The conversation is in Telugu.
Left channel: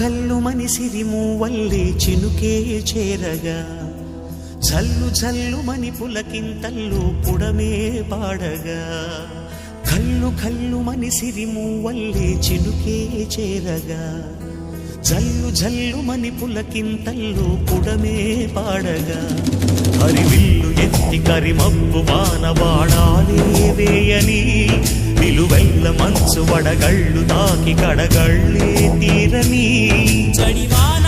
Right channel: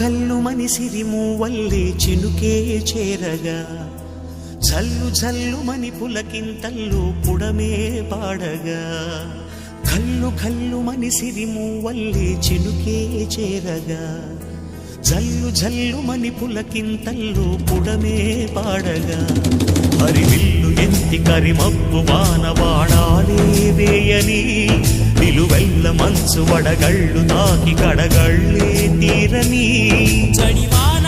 కల్లు మని సిరిమూవల్లే చినుకే చేరగా జల్లు జల్లు మని పులకింతల్లు పుడమే పాడగా కల్లు కల్లు మని సిరిమూవల్లే చినుకే చేరగా జల్లు జల్లు మని పులకింతల్లు పుడమే పాడగా హరివిల్లు ఎత్తి కరిమబ్బు వానవాడాలే వేయని నిలువెల్ల మంచు వడగళ్ళు తాకి కడగళ్ళే తీరని చడివాన